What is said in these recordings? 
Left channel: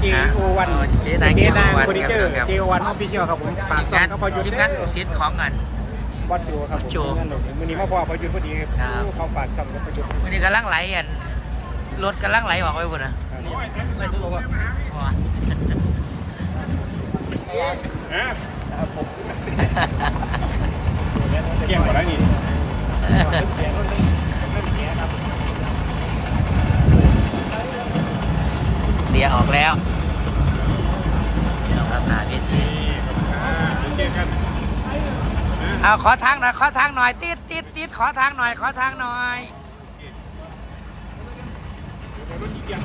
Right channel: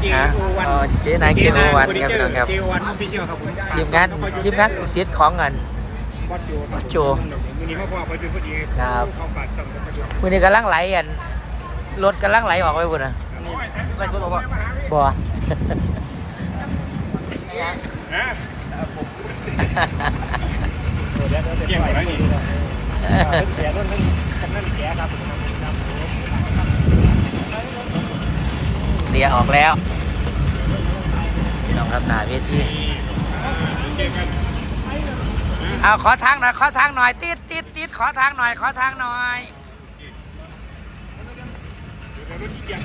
เจฮะโอวันอ๋อเจ๊นาง JO1 ครับพี่น้องครับ เจโอวันน้องพี่เจ้าครับผมทีมงานทีมงานอุสิตของเงินวัดโจครับวัดโจมือนี้มาพ่อไปจุนพอดีครับ เขาฝากจำกันจุนมือนี้กำลังไหลอันรถกำลังไหลออกไปพุ่นอะบ่เกี่ยงกว่าไรนี่ เรียออกแล้วพี่น้องครับหนาเวทีเกี่ยงกันเอาขอทางหน่อยขอทางหน่อยติดติดติดขอทางหน่อย ขอทางหน่อยเดี๋ยวรถเกี่ยง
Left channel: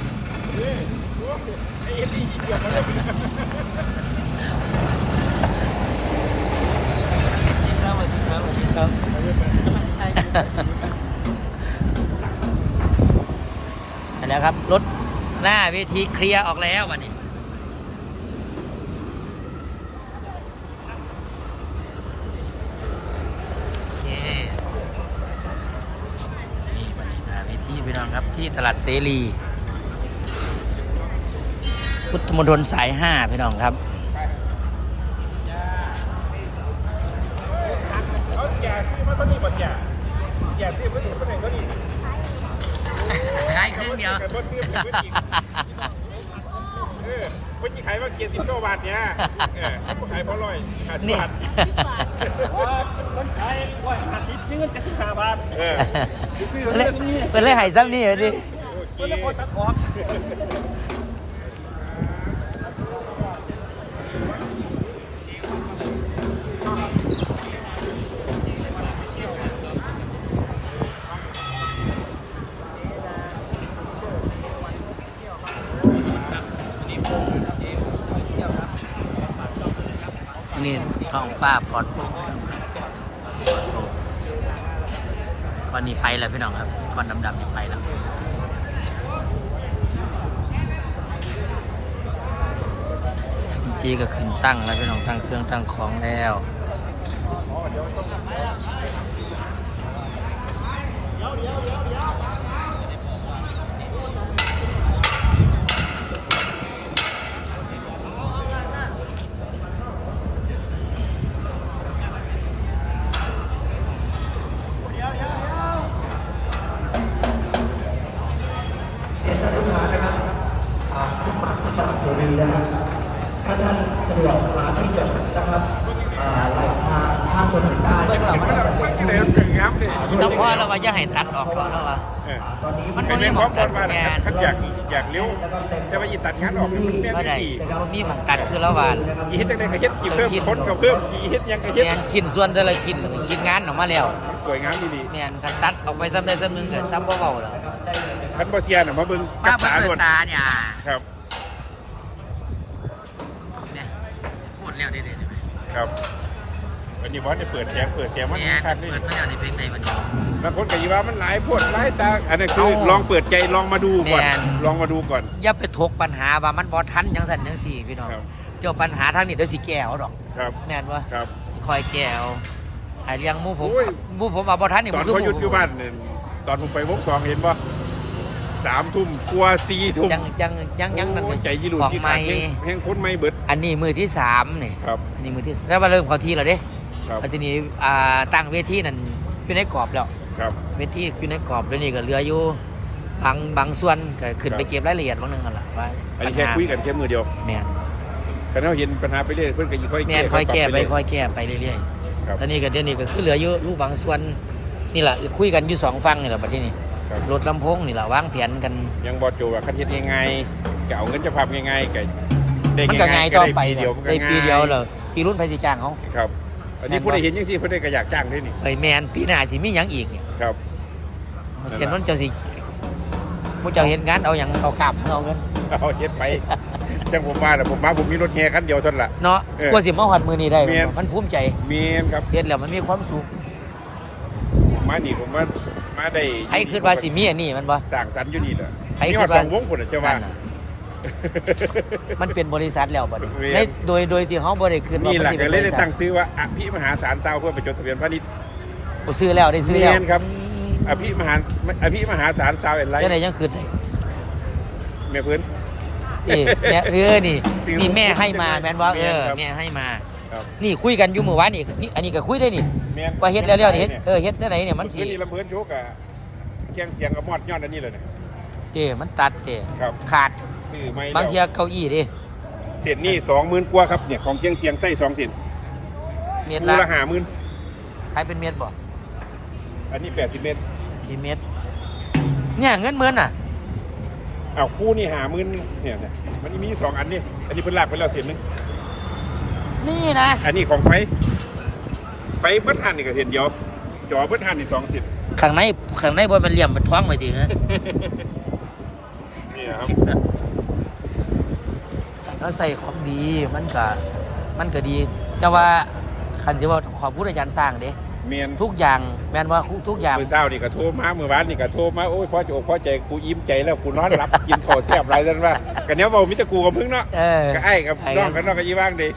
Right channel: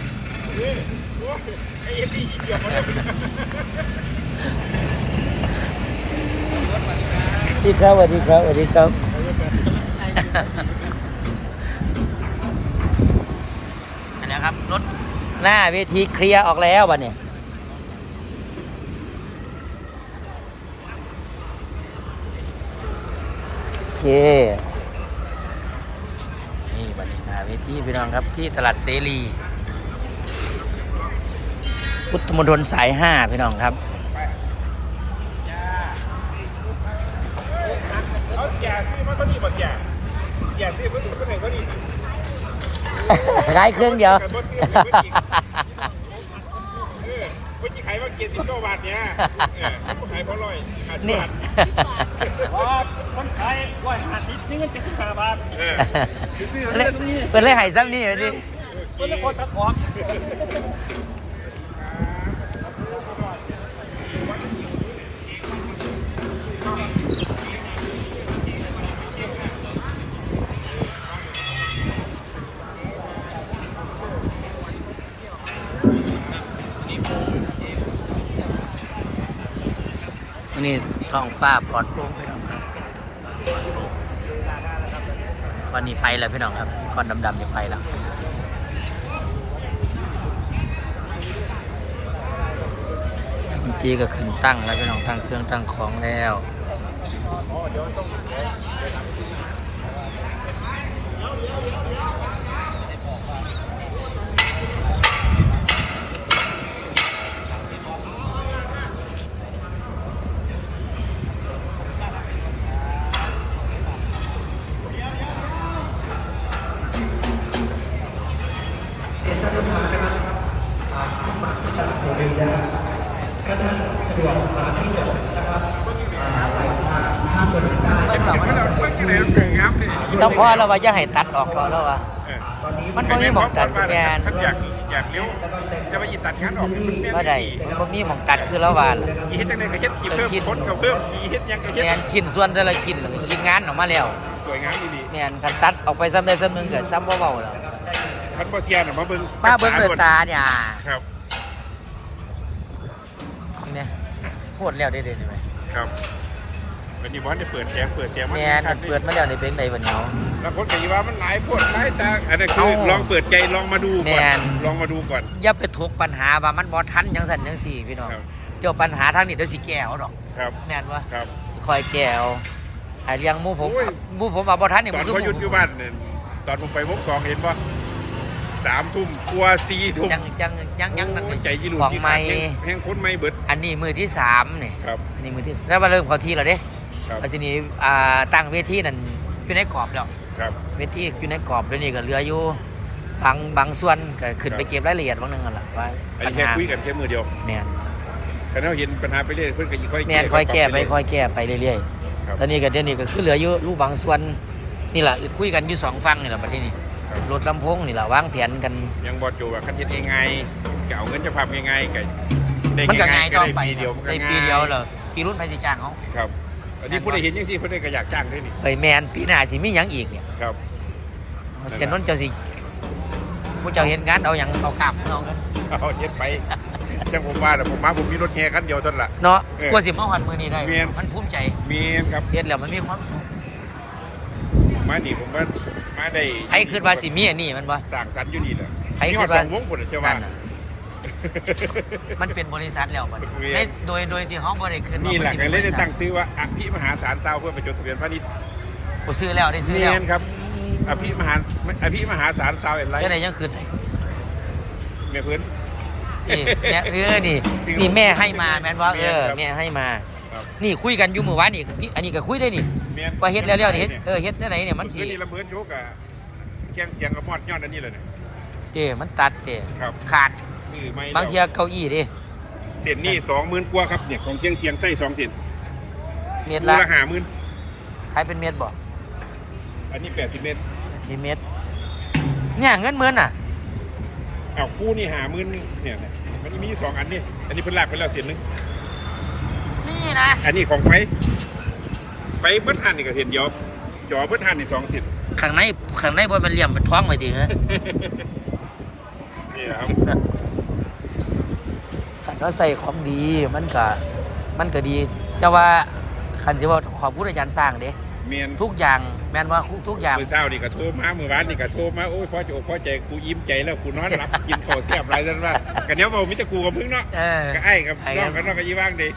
เฮ้ยโอ้ยไอ้เอ็ดดี้เกี่ยงมาเลยดีครับสวัสดีครับสวัสดีครับอันนี้ครับรถ หน้าเวทีเคลียร์ออกแล้ววันนี้โอเค นี่บันนี้หน้าเวทีพี่น้องครับที่ตลาดเสรี พุทธมณฑลสายห้าพี่น้องครับ เขาแก่ซื้อมาตัวนี้บ่แก่แก่ซื้อมาตัวนี้ตัวนี้ ได้เครื่องเดียวเออเมื่อกี้ขายว่าเกียร์สิบโลบาทเนี่ยเออผู้ขายเพราะร้อยห้าสิบนี่บาทคนขายร้อยห้าสิบนี่เงินเจ็ดสิบห้าบาทเออซื้อมาเล่เรื่องนี้เป็นเล่ไห่ซ้ำนี่เหรอดิคนละคนตัดออก ท้องฟ้าปลอดโปร่งพี่น้องครับปลอดโปร่งก้อนนี้ไปแล้วพี่น้องครับก้อนดำๆจะไปแล้วคุณปีก็ขึ้นตั้งแล้วพี่น้องตั้งเครื่องตั้งของแล้วเบิ้งเรามันมันก็ เลยเป็นงับเนี่ยสัมพอเราว่าจะให้ตัดออกเถอแล้วว่ามันบ่มีหมองตัดคือแม่นอยากอยากเลี้ยวจะไปยีตัดงานออกว่าใดมันบ่มีหมองตัดคือแล้วว่าล่ะยีเฮ็ดจังได๋ก็เฮ็ดยีเพิ่มคนก็เพิ่มยีเฮ็ดยังก็เฮ็ดแม่นชิ้นส่วนแต่ละชิ้นเลยชิ้นงานออกมาแล้วสวยงามดีแม่นคันตัดออกไปซ้ำได้ซ้ำหนึงก็ซ้ำบ่เว้าแล้วคันบ่เสียน่ะมาเบิ่งมาเบิ่งด้วยตาเนี่ยครับ นี่เนี่ย โคตรแล้วเด้ๆนี่ไหมครับอันนี้พอจะเปิดแสงเปิดแสงแม่นคันเปิดมาแล้วนี่เป็นไดบัดเนาะแล้วคนก็อยู่ว่ามันหลายพวดหลายตาอันนี้คือเอ้าลองเปิดใจลองมาดูก่แม่อนนลองมาดูก่อนอย่าไปถกปัญหาว่ามันบ่ทันจังซั่นจังซี่พี่น้องครับเจ้าปัญหาทางนี้เดี๋ยวสิแก้เอาดอกครับแม่นบ่ครับคอยแก้เอาไอ้เรื่องหมู่ผมโอ้ยหมู่ผมว่าบ่ทันนี่ตอมันนคือเขาหหยุมู่ดอยู่บ้านเนี่ยตอนผมไปมุกสองเห็นป่ะ สามทุ่มกลัวสี่ทุ่มจังจังยังยังนั่นนี่ใจยีรุของใหม่แห้งคนไม่เบิด อันนี้มือที่สามนี่ครับอันนี้มือที่แล้วมาเริ่มเข้าที่แล้วเด้ครับแล้วทีนี้อ่าตั้งเวทีนั่นอยู่ในกรอบแล้วครับเวทีอยู่ในกรอบแล้วนี่ก็เหลืออยู่บางบางส่วนก็ขึ้นครับไปเก็บรายละเอียดบางหนึงกันล่ะว่าอันปัญนี้แค่หาคุยกันแค่มือเดียวแม่นกันเราเห็นปัญหาไปเรื่อยเพื่อนก็ค่อยแม่นค่อยแก้ไปค่อยแก้ไปเรื่อยครับๆตอนนี้ก็เดี๋ยวนี้ก็คือเหลืออยู่รูปบางส่วนนี่แหละคุยกันอยู่สองฝั่งนี่แหละประเทศนี้ค รับรถลำโพงนี่แหละวางแผนกัน ยังบอดโจว่าคันเฮ็ดยังไงจะเอาเงินจะพับยังไงไก่มันก็ง่ายต่อไปปีเดียวในปีเดียวเลยปีรุ่นไพสิจ้างเขาครับ อันนี้แม่นบ่ผู้ใดเห็นยังที่ผู้ใดก็อยากจ้างด้วยนี่ไปแมนปีหน้าสิมีหยังอีกเนี่ยครับเสียนนท์เจ้าสิผู้เจ้าเห็นงานเอาอย่างเอากลับเอากันเอาเฮ็ดไปจังผมมาแต่ผมมาผมมีรถแห่คันเดียวเท่านั้นล่ะเนาะเออกลัวสิมาหัดมือนี้ได้แม่นมันภูมิใจมีครับเห็นแล้วมันมีความสุข มานี่ผมว่ามาได้ใครคิดว่าสิมีอันนี้มันบ่สร้างสรรค์อยู่นี่แหละใครนี่คิว่าดว่าสองวงคนน่ะเจ้าว่านั่นน่ะมันเป็นบริษัทแล้วบัดนี้แม่นในโดยโดยที่เขาบ่ได้ขึ้นว่านี่มันแหละสิก็เป็นเลบยริได้ษัทตั้งซื้อว่าอภิมหาสารเจ้าเพื่อไปจดทะเบียนพาณิชย์กูซื้อแล้วได้ซื้อแล้วเรียนครับอภิมหาอภิมหาสารซาวเอ็นไลท์แค่ไหนยังขึ้นได้เมียเพื่อนนี่แม่เออนี่นี่แม่ให้มาแม่นว่าเออแม่ให้มา นี่คุยกันอยู่เมื่อวานนี่นี่อันนี้ก็คุยได้นี่ ว่าเฮ็ดแล้วๆนี่เฮ็ดเออเฮ็ดได้ไหนเนี่ยมันสินี่ลำเพินโชกอะแข่งเสียงกับมอดยอดอันนี้เลยเนี่ยเจ้มันตัดเจ้ครับขาดซื้อไม่บางเทีเก้าอี้ดิเสียนนี่สองหมื่นกว่าครับเนี่ยของเชียงเชียงไส้สองเสียนเม็ดคูละละห้าหมื่นขายเป็นเม็ดบ่อันนี้แปดสิบเมตรสี่เม็ดเนี่ยเงินหมื่นน่ะอ้าวคู่นี่ห้าหมื่นเนี่ยมันมีสองอันนี่อันนี้เพิ่นลากไปแล้วเสียนหนึงนี่นะอันนี้ของไฟ ไฟเบิ้ลหันนี่ก็เห็นเดียวจอเบิ้ลหันนี่สองเสียนข้างในข้างในบนมันเหลี่ยมเป็นท้องไปทีนะนี่นะครับขันว่าใส่ของดีมันก็มันก็ดี แต่ว่าขันจะว่าขอพูดอาจารย์สร้างเด้เมียนทุกอย่างแม่นว่าทุกอย่างเมื่อเช้านี่ก็โทรมาเมื่อวานนี่ก็โทรมาโอ้ยพ่อจะอกพ่อใจกูยิ้มใจแล้วกูนอนหลับกินข้าวแซ่บไรนั่นว่ากันเนี้ยเบามิตรกูกับพึ่งเนาะเออก็ไอ้กับน้องกันน้องกับยี่บ้างดี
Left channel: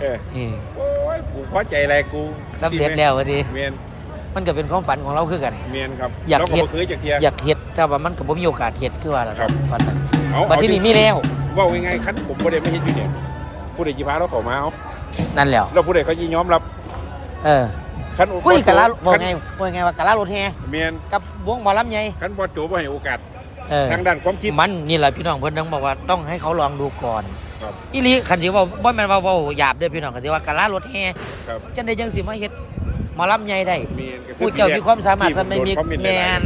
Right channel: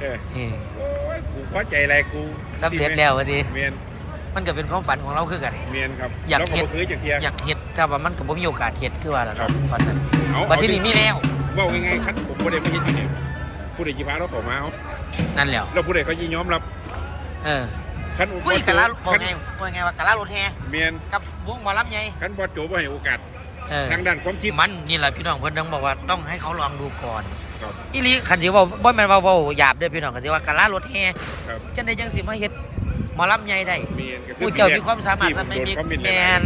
เออนี่โอ้ยกูพอใจอะไรกูสำเร็จแล้ววันนี้เมียนมันก็เป็นความฝันของเราคือกันเมียนครับอยากเราก็เฮ็ดบ่เคยจากเทียอยากเฮ็ดแต่ว่ามันก็บ่มีโอกาสเฮ็ดคือว่าล่ะครับตอนนั้นเอาบัดที่นี่มีแล้วเว่าง่ายๆคันผมบ่ได้ไม่เฮ็ดอยู่เนี่ยผู้ใดจีพาเราเข้ามาเอานั่นแหล้วเราผู้ใดเขายินยอมรับ เออคันคุยกับลาบอกคันไงบอกไงว่ากะลารถแฮเมียนกับวงหมอลำไงคันบอสโจบ่ให้โอกาสเออทางด้านความคิดมันนี่แหละพี่น้องเพิ่นต้องบอกว่าต้องให้เขาลองดูก่อน ครับ อีหลีคันสิเว่าบ่แม่นว่าเว้าหยาบเด้อพี่น้องคันสิว่ากะลารถแฮครับจังได๋จังสิมาเฮ็ดหมอลำใหญ่ได้เมียนก็คือผู้เจ้ามีความสามารถที่สันในมีโดคอเต์แมน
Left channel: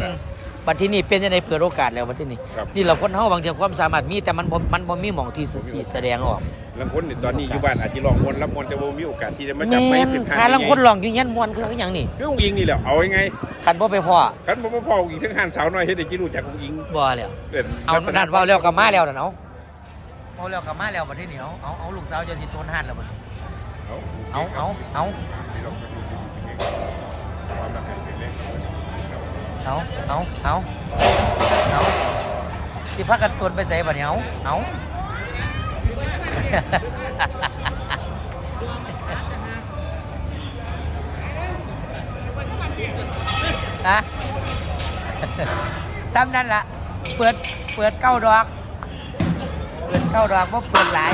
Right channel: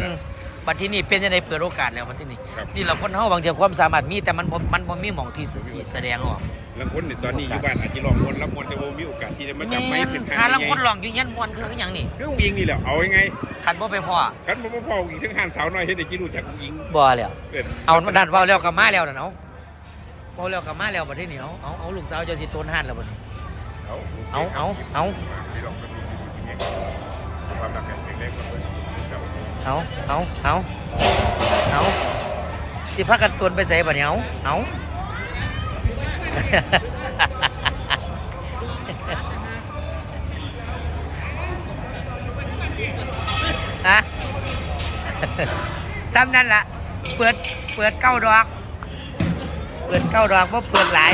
บัดที่นี่เป็นจังไดเปิดโอกาสแล้วบัดที่นี่ครับ นี่เราคนเฮาบางทีความสามารถมีแต่มันบ่มันบ่มีหม่องที่สิสิแสดงออกลางคนนี่ตอนนี้อยู่บ้านอาจจะลองมวนรับมวนแต่บ่มีโอกาสที่จะมาแมจับไม้นขึ้นทางหาลังคนลองอยู่เงี้ยม่วนคืออหยังนี่เรื่องยิงนี่แหละเอายังไงคันบ่ไปพ่อคันบ่มาพ่ออีกทั้งหันสาวน้อยเฮ็ดให้จิรู้จักยิงบ่แล้วเอิ้นเอานั่นเว้าแล้วก็มาแล้วนั่นเอาเว้าแล้วก็มาแล้วบัดที่นี่เอาเอาเอาลูกสาวเจ้าสิโตนหันแล้วบัดนี้เอาเอาเอาเอาเอาเอาเอาสิพากันตวนไปใส่บัดนี้เอาเอานะซ้ำนั่นละเปิด เปิดเก้าดอก ปิดเก้าดอกเพราเปิดหลาย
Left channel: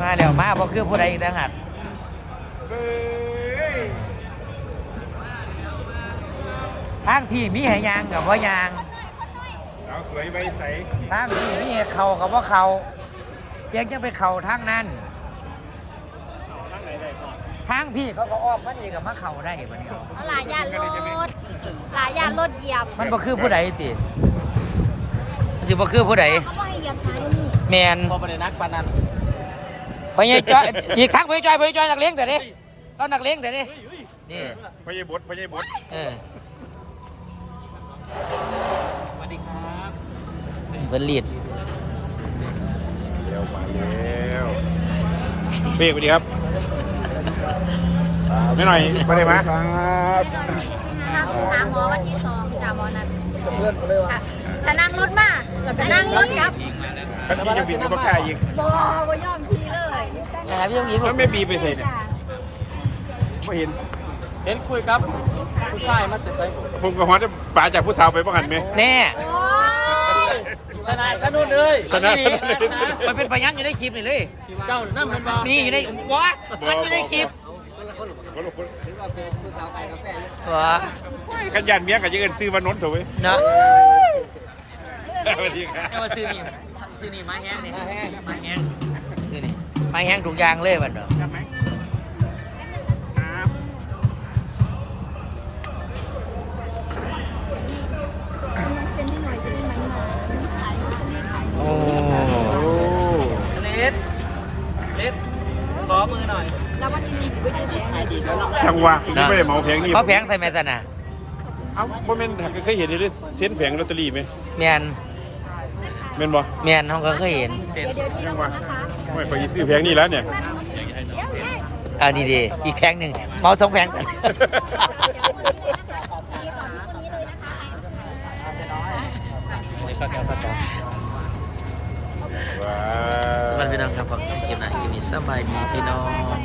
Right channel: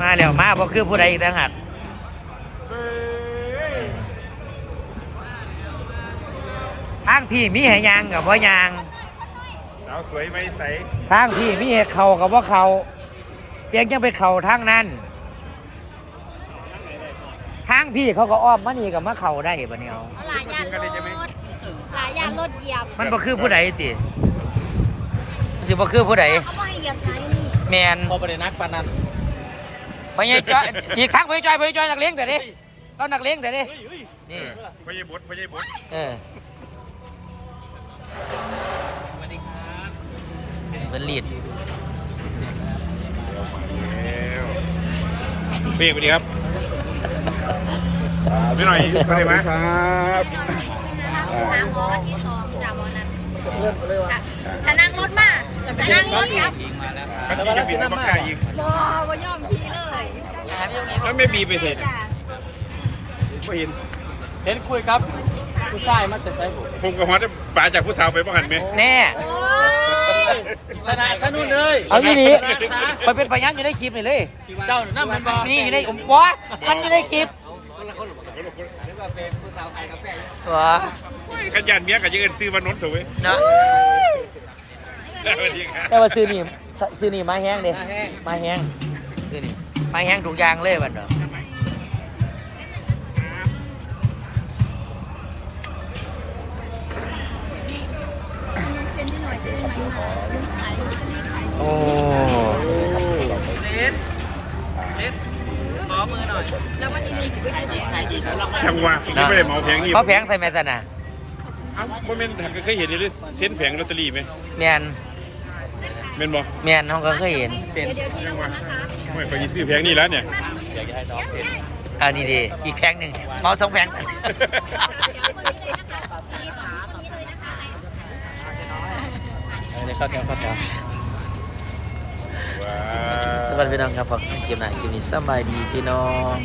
มาแล้วมาบ่คือผู้ใดอีกต่างหากทางพี่มีให้ยางกับว่ายางเอาสวยไม่ใสทางพี่มีเข่ากับว่าเข่าเพียงยังไปเข่าทางนั้นางพี่เขาก็อ้อมมานี่กับมาเขาได้ปะเนี่ยเอาหลายยานรถหลายยานรถเหยียบมันบ่คือผู้ใดติมันสิบ่คือผู้ใดเขาบอกให้เหยียบช้าอยู่นี่แมนพอไปนักปานนั้นพญายจ้อยอีกทางพญายจ้อยพญายจ้อยนักเลงแต่ดิเรานักเลงแต่ดินี่พญบดพญบดเออเป็นลีดเดียวมาแล้วเป้สวัสดีครับ พี่หน่อยไปมาครับนะคะสนามบอลที่สองจากบอลนั้นเพื่อนเลยว่ะจะนั่งรถมาจะนั่งรถกลับกันที่จะบินมาใกล้อีกบอบอยอมขี่เลยหาพี่ต้องอีกแล้วไม่บีไปใส่เนี่ยจ้ะไม่เห็น เห็นคุยครับ ผู้ชายมาแต่ใส่ผมก็ฮอดปลาจากผู้สาวไปบ้างหันไหมแน่โอ้ยสนานสนุนเลยเอาที่นี่มันเป็นพยานอยู่ในคลิปนี่เลย เจ้านั่นมันนี่อยู่ในวะมันอยู่ในคลิป วะขันยันเมียกับยังเอินซื้อมานนท์เถอะเว้ยเนาะสวัสดีครับแต่ว่าซื้อนี่ซื้อนี่มาแห้งเด้มาแห้งซื้อนี่มาแห้งถูกอยางเลยบัดเนาะ จังหวะผมไม่ได้เหมาแผงนี่เขาแพงใส่แม่สันน่ะเอ้าบ่แม่นเคยเห็นเลยเส้นแผงลอตเตอรี่ไหมแมนแม่นบ่แมนเขาก็เคยเห็นเดี๋ยวเดี๋ยวทีละคนนะคะไม่ไปซื้อแผงนี่แล้วเนี่ยอันนี้ดีอีกแพงหนึ่งเมาสองแพงกันไม่เข้าแพงก็จบสวัสดีพี่น้องครับผมคลิปหน้าคลิปนี้สบายดีพี่น้อง